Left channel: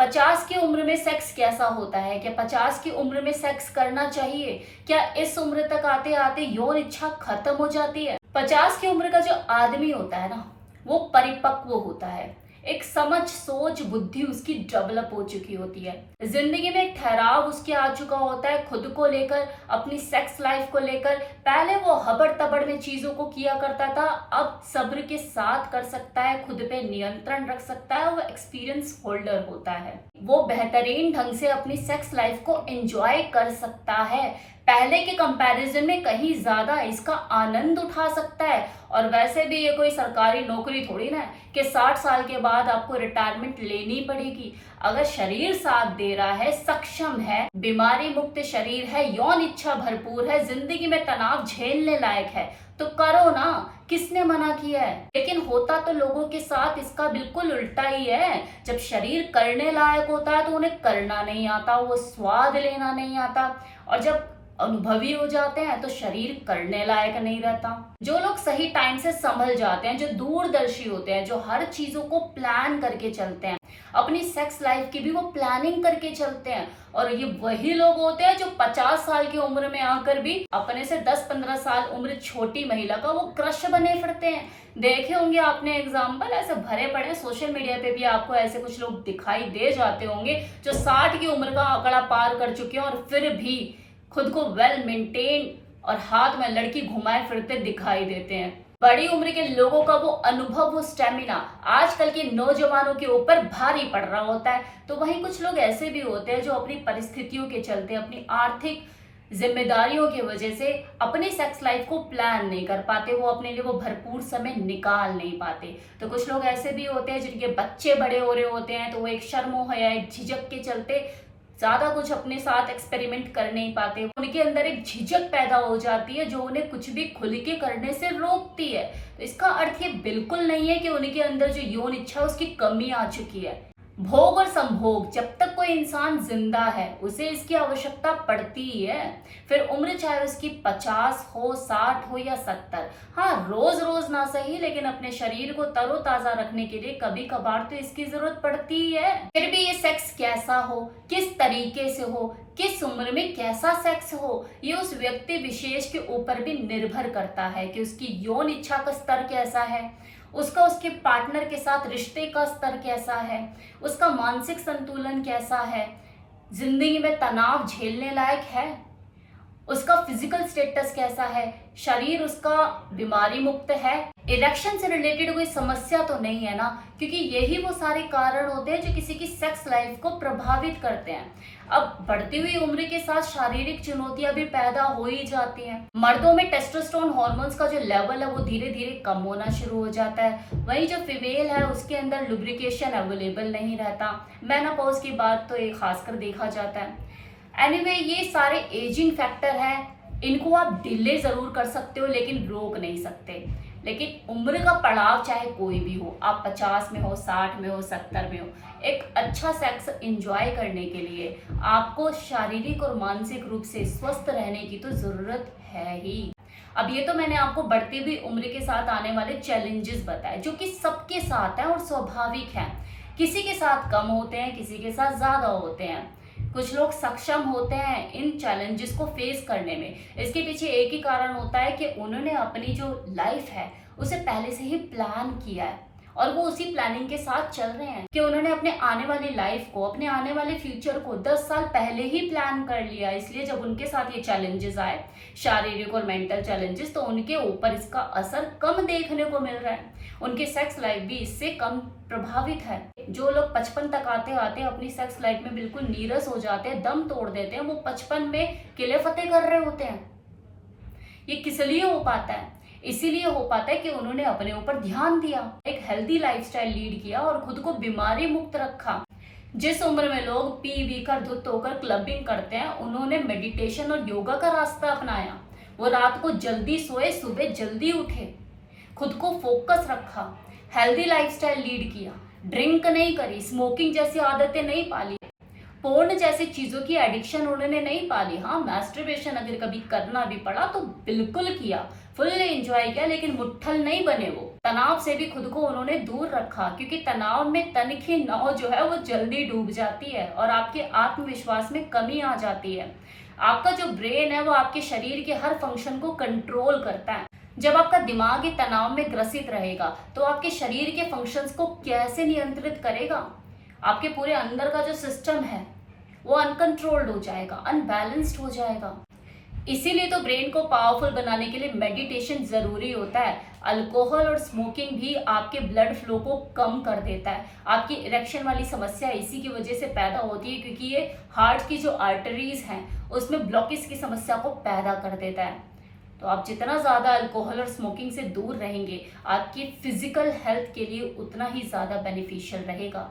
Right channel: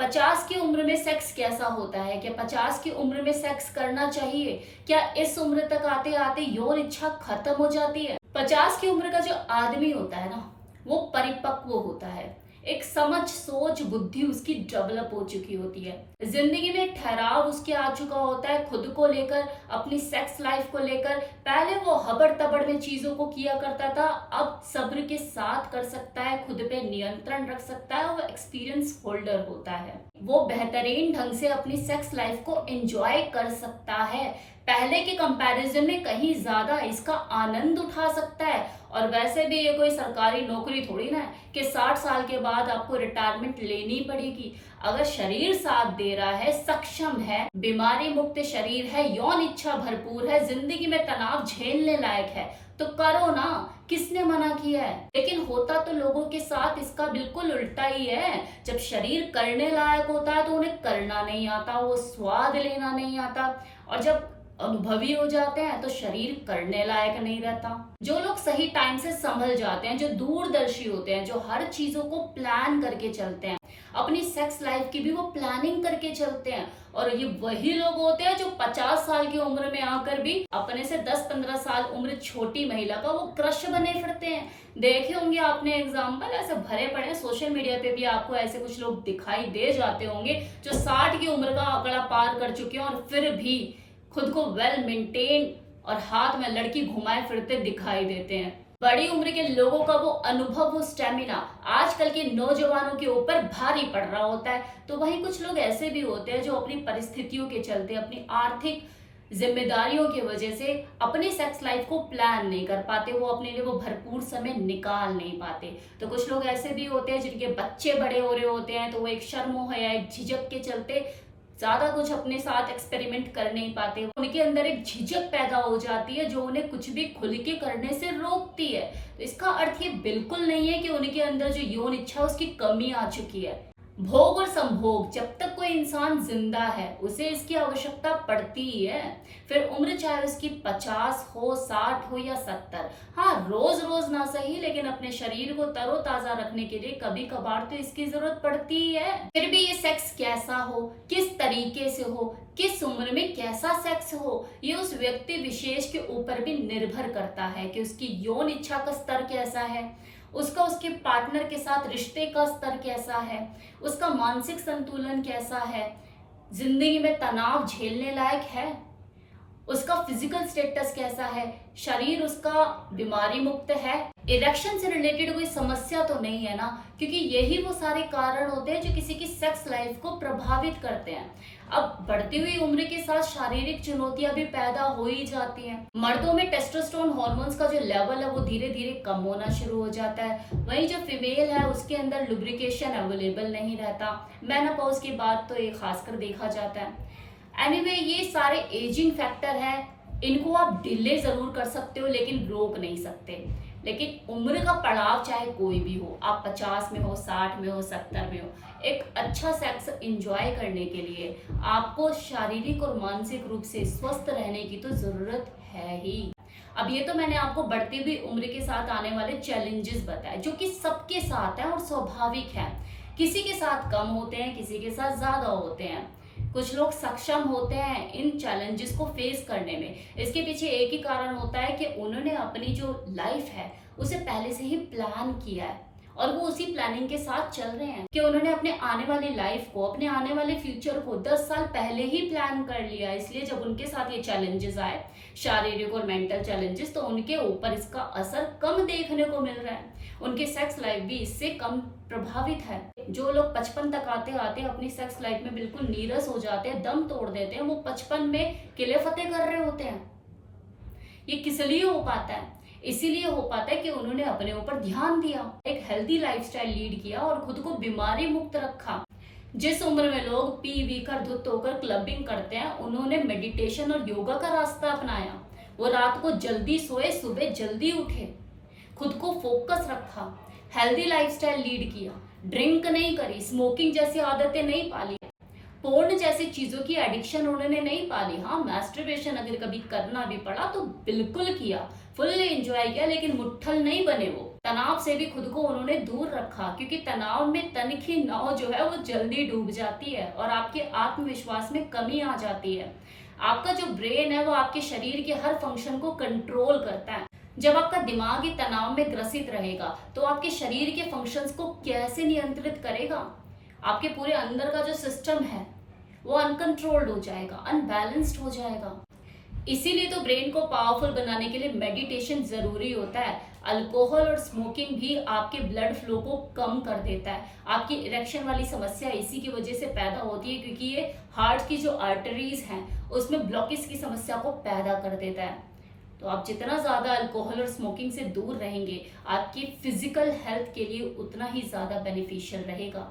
50 की उम्र में सेक्स कैसा होता है? क्या 50 की उम्र में सेक्स करना चाहिए? क्या इस उम्र तक आते आते यौन इच्छा खत्म हो जाती है? 50 की उम्र का जो आदमी होता है ना, वो परिपक्व होता है। एक समझ, सोच, बुद्धि उसकी डेवलप हो चुकी होती है। जिंदगी में एक ठहराव उसके आ चुका होता है खुद को लेकर, अपनी सेक्स लाइफ को लेकर। पहले वो हबड़ तबड़ में चीजों को किया करता था, अब सब्र के साथ कर सकता है, खुद पे नियंत्रण रख सकता है। वो एक्सपीरियंस होल्डर होता है, वो बेहतरीन ढंग से अपनी सेक्स लाइफ को एंजॉय कर सकता है। पहले के कंपैरिजन में कहीं ज्यादा इसका आनंद उठा सकता है। और वैसे भी ये कोई सरकारी नौकरी थोड़ी ना है कि 60 साल के बाद आपको रिटायरमेंट लेनी पड़ेगी। अगर शरीर साथ दे रहा है, सक्षम है, बीमारी मुक्त शरीर है, यौन इच्छा भरपूर है, जिंदगी में तनाव झेलने लायक है, तो करो ना, किसने मना किया है। लेकिन होता तो लोगों के साथ इसका बिल्कुल उल्टा ही है। जब शरीर करने लायक होता है तो उन्हें करना नहीं आता, वो स्वाद लेना नहीं आता। और जब अनुभवी हो जाते हैं तो शरीर करने लायक नहीं रहता। जो लोग सही टाइम से संभल जाते हैं, जो दूरदर्शी होते हैं, जो हर चीजों को प्लान करके चलते हैं, अपनी सेक्स लाइफ की भी वो प्लानिंग करके चलते हैं। और ये वही लोग होते हैं जो 50 साल की उम्र में आकर भी अपने से 10-15 साल उम्र छोटी महिला का वो क्रश बने फिरते हैं। देखे होंगे आपने एग्जाम्पल, ऐसे भरे पड़े सोशल मीडिया पे भी आपको ऐसे कुछ लोग दिखाई दे जाते होंगे जो 60 की उम्र का आंकड़ा पार कर चुके हैं और फिर भी खुद को वेल मेंटेन और हाथ में लड़की घुमाए फिरते दिखाई देते हैं। बड़ी उम्र के लोगों का वो अनुभव, वो स्टेमिना आजकल के नौजवानों के ऊपर भारी पड़ रहा होता है। तो वहीं कुछ लोग ऐसे भी होते हैं जो अपनी परिस्थितियों के चलते, अपनी आर्थिक जिम्मेदारियों की वजह से अपनी सेक्स लाइफ को प्लान नहीं कर पाते, वो अपने लिए वो भरपूर समय निकाल नहीं पाते। तो कुछ लोग ऐसे भी होते हैं जिनके बच्चे बड़े हो रहे होते हैं, तो वो एक शर्म हो या एक झिझक के चलते ज्यादा कुछ अपने साथ एक्सपेरिमेंट कर नहीं पाते। उनके अंदर एक झिझक पैदा हो जाती है जो उन्हें कुछ भी खुल के करने से रोकती है। तो इसका अर्थ ये बिल्कुल नहीं है कि उनके अंदर जो यौन इच्छा उसकी कमी आ चुकी है। भोग और संभोग, जब तक कोई इंसान जिंदा है उसे इसकी आवश्यकता पड़ती ही है। फिर उम्र चाहे उसकी 50 हो, 60 हो या 70। हाँ, रोज रोज ना सही, लेकिन अपने शरीर को तरोताजा रखने के लिए कभी कभार तो इसकी जरूरत पड़ती ही है। फिर भी ये सेक्स कैसा हो, किस तरीके से हो, किस उम्र में कैसा सेक्स हो, ये उस व्यक्ति विशेष के ऊपर भी निर्भर करता है कि उसकी यौन इच्छा का स्तर कैसा है, उसका उसके पार्टनर के साथ रिश्ते का स्तर कैसा है, उसका मानसिक संतुलन कैसा है, जिंदगी में तनाव झेलने लायक है, उसका फिजिकल स्टेटस कैसा है, शरीर उसका बीमारी मुक्त है, इरेक्शन से रिलेटेड कोई समस्या तो नहीं है ना। क्योंकि यही वो सारे कारण होते हैं जो किसी की सेक्स लाइफ को प्रभावित करते हैं। अब बढ़ती हुई उम्र के साथ शारीरिक चुनौतियां भी पैदा हो ही जाती हैं। मर्दों में टेस्टोस्टेरोन हार्मोन्स का जो लेवल है वो धीरे धीरे कम होना शुरू हो जाता है। वहीं जो फीमेल है उसके अंदर लुब्रिकेशन अवेलेबल नहीं रहता। मेनोपॉज की बात तो ये खासकर देखा जाता है। एनीवे, ये सारे एजिंग फैक्टर है, इनको आप डिले जरूर कर सकते हो लेकिन रोक नहीं सकते। लेकिन उम्र का पड़ाव चाहे कोई भी हो, आप 50 में हो, 60 में हो, 70 में हो, एक अच्छा सेक्स एंजॉय करने के लिए आपको शारीरिक और मानसिक रूप से स्वस्थ रहने की तो जरूरत है ही। अब ये तो मैंने आपको बढ़ती हुई उम्र के साथ आने वाले चैलेंजेस बताए जो कि सबके साथ है और स्वाभाविक है। किसी के साथ कम होते हैं, किसी के साथ ज्यादा होते हैं। कुछ लोग सक्षम होते हैं इन चैलेंजेस को फेस करने में। इसके पीछे एक ही कारण होता है कि उन्होंने अपनी जो लाइफ है उसे पहले से ही प्लान किया है और वो उसी प्लानिंग के साथ चल रहे हैं कि उन्होंने अपने आने वाली लाइफ को, अपने आने वाले फ्यूचर को 10 साल पहले ही प्लान कर लिया। इसलिए जब उनके साथ ये चैलेंजेस आए, शारीरिक और मेंटल चैलेंजेस, तो उनके ऊपर इसका असर कम देखने को मिल रहा है। उनकी सेक्स लाइफ भी इससे कम प्रभावित है। जो लोग 55 तक आते आते अपनी सेक्स लाइफ में बिल्कुल नीरस हो जाते हैं, दम तोड़ देते हैं, वो 55 में किले फतेह कर रहे होते हैं। ये किस लिए हो पाता है? इसीलिए हो पाता है कि उन्होंने अपने ऊपर ध्यान दिया, एक हेल्दी लाइफस्टाइल लीड किया और खुद को बीमारी मुक्त रखा। जिस उम्र में लोग पी वी कर धुत होकर क्लबिंग करते हैं, उन्होंने मेडिटेशन और योगा का रास्ता अपनाया। वो रात को जल्दी सोए, सुबह जल्दी उठे, खुद को फोकस रखा, हेल्दी लाइफस्टाइल लीड किया, ड्रिंक नहीं करी, स्मोकिंग जैसी आदतें नहीं पाली। पोर्न जैसी चीजों की एडिक्शन उन्होंने नहीं पाली। हाँ, मैस्टरबेशन अगर कभी करना भी पड़ा तो बिल्कुल किया, फुल्ली एंजॉय किया, लेकिन मुट्ठल नहीं बने वो। तनाव से भी खुद को उन्होंने दूर रखा, क्योंकि तनाव में तन की नाव जो है वो जल्दी डूब जाती है और आपके आत्मविश्वास में कमी आ जाती है। आपका जो ब्रेन है वो आपके शरीर के हर फंक्शन को कंट्रोल करता है। जब आपका दिमाग ही तनाव में ग्रसित रहेगा तो आपके शरीर के फंक्शंस को कैसे नियंत्रित करेगा? आपके पूरे अंदर का जो सिस्टम है वो अनकंट्रोल्ड हो जाएगा, अनबैलेंस्ड हो जाएगा। इसीलिए तो ब्रेन को पावरफुल बनाने के लिए मेडिटेशन जरूरी होता है। अल्कोहल और स्मोकिंग भी आपके ब्लड फ्लो को कम कर देता है। आपकी इरेक्शन वाली समस्या इसी की वजह से पैदा होती है, क्योंकि ये हार्ट की जो आर्टरीज हैं उसमें ब्लॉकेज की समस्या को पैदा कर देता है। तो आप जितना ज्यादा अल्कोहल और स्मोकिंग से दूर रहेंगे, आपकी फिजिकल हेल्थ के लिए उतना ही ज्यादा बेनिफिशियल रहेगा।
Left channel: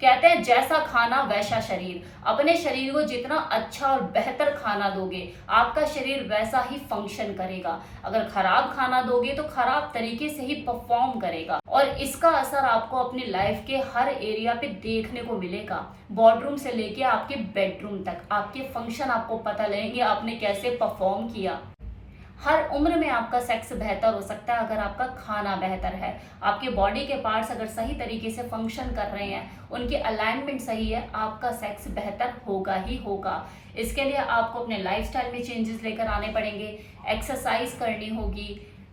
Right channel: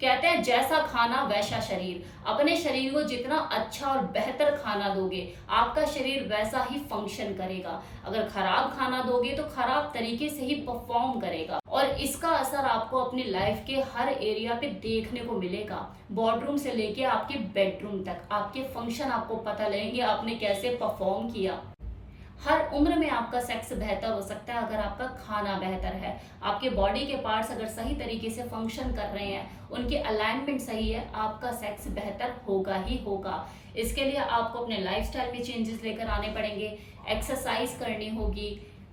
कहते हैं जैसा खाना वैसा शरीर। अपने शरीर को जितना अच्छा और बेहतर खाना दोगे, आपका शरीर वैसा ही फंक्शन करेगा। अगर खराब खाना दोगे तो खराब तरीके से ही परफॉर्म करेगा, और इसका असर आपको अपनी लाइफ के हर एरिया पे देखने को मिलेगा। बोर्डरूम से लेके आपके बेडरूम तक आपके फंक्शन आपको पता लगेंगे, आपने कैसे परफॉर्म किया। हर उम्र में आपका सेक्स बेहतर हो सकता है अगर आपका खाना बेहतर है। आपके बॉडी के पार्ट्स अगर सही तरीके से फंक्शन कर रहे हैं, उनके अलाइनमेंट सही है, आपका सेक्स बेहतर होगा ही होगा। इसके लिए आपको अपने लाइफस्टाइल में चेंजेस लेकर आने पड़ेंगे, एक्सरसाइज करनी होगी,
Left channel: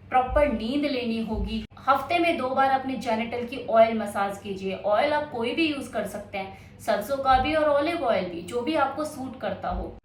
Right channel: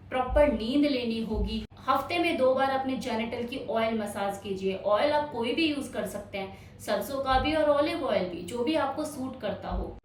प्रॉपर नींद लेनी होगी। हफ्ते में 2 बार अपने जेनिटल की ऑयल मसाज कीजिए। ऑयल आप कोई भी यूज कर सकते हैं, सरसों का भी और ऑलिव ऑयल भी, जो भी आपको सूट करता हो।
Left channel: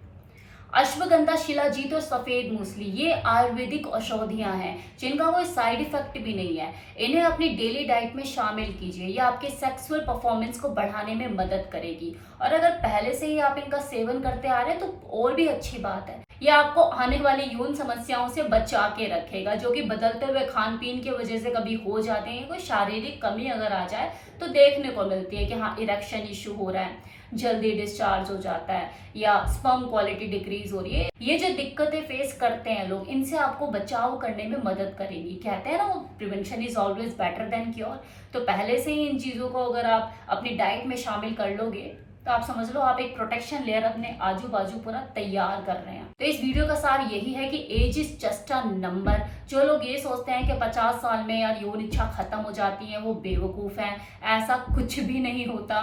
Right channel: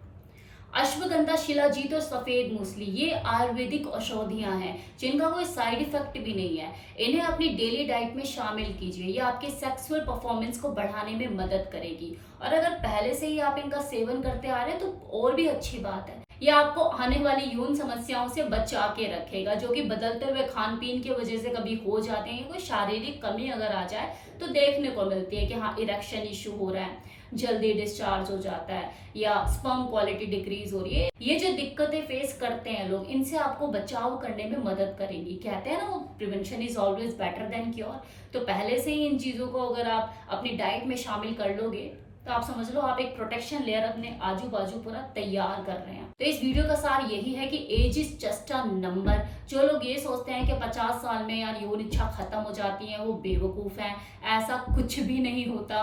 अश्वगंधा, शिलाजीत और सफेद मूसली, ये आयुर्वेदिक औषधियां हैं जिनका कोई साइड इफेक्ट भी नहीं है। इन्हें अपनी डेली डाइट में शामिल कीजिए। ये आपके सेक्सुअल परफॉर्मेंस को बढ़ाने में मदद करेगी, और अगर पहले से ही आप इनका सेवन करते आ रहे हैं तो और भी अच्छी बात है। ये आपको आने वाली यौन समस्याओं से बचा के रखेगा, जो कि बदलते हुए खान पीन की वजह से कभी हो जाते हैं। कोई शारीरिक कमी अगर आ जाए तो देखने को मिलती है कि हाँ, इरेक्शन इश्यू हो रहा है, जल्दी डिस्चार्ज हो जाता है, या स्पर्म क्वालिटी डिक्रीज हो रही है। ये जो दिक्कतें फेस करते हैं लोग, इनसे आपको बचाव करने में मदद करेगी। कहते हैं ना वो, prevention is always better than cure. तो पहले से ही इन चीजों को अगर आप अपनी डाइट में शामिल कर लोगे तो आप समझ लो आप एक प्रोटेक्शन लेयर अपने आजू बाजू पूरा तैयार कर रहे हैं। तो इस वीडियो का सार यही है कि age is just a number. जो लोग ये सोचते हैं कि 50 साल में यार यौन इच्छा खत्म हो जाती है, वो बेवकूफ हैं। ऐसा कुछ भी नहीं होता।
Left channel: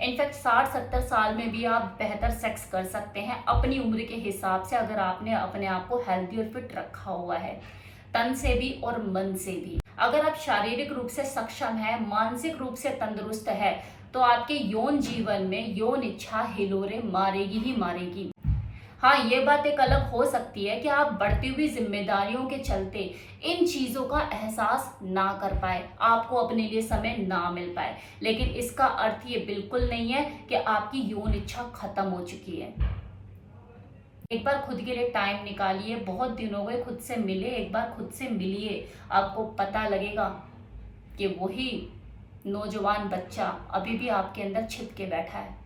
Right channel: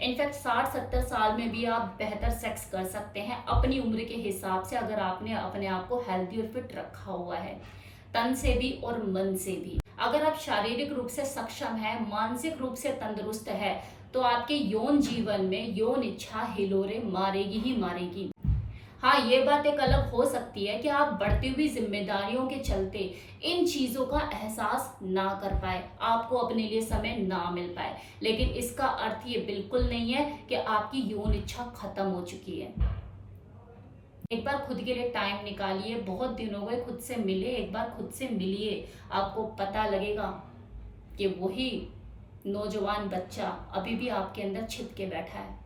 इनफैक्ट 60-70 साल में भी आप बेहतर सेक्स कर सकते हैं अपनी उम्र के हिसाब से, अगर आपने अपने आप को हेल्दी और फिट रखा हुआ है, तन से भी और मन से भी। अगर आप शारीरिक रूप से सक्षम है, मानसिक रूप से तंदुरुस्त है, तो आपके यौन जीवन में यौन इच्छा हिलोरे मारेगी ही मारेगी। हाँ, ये बात एक अलग हो सकती है कि आप बढ़ती हुई जिम्मेदारियों के चलते इन चीजों का एहसास ना कर पाए, आपको अपने लिए समय ना मिल पाए, लेकिन इसका अर्थ ये बिल्कुल नहीं है कि आपकी यौन इच्छा खत्म हो चुकी है। एक बार खुद के लिए टाइम निकालिए, बहुत दिन हो गए खुद से मिले, एक बार खुद से मिलिए, आपको पता लगेगा कि वही नौजवान बच्चा अभी भी आपके अंदर छिप के बैठा है।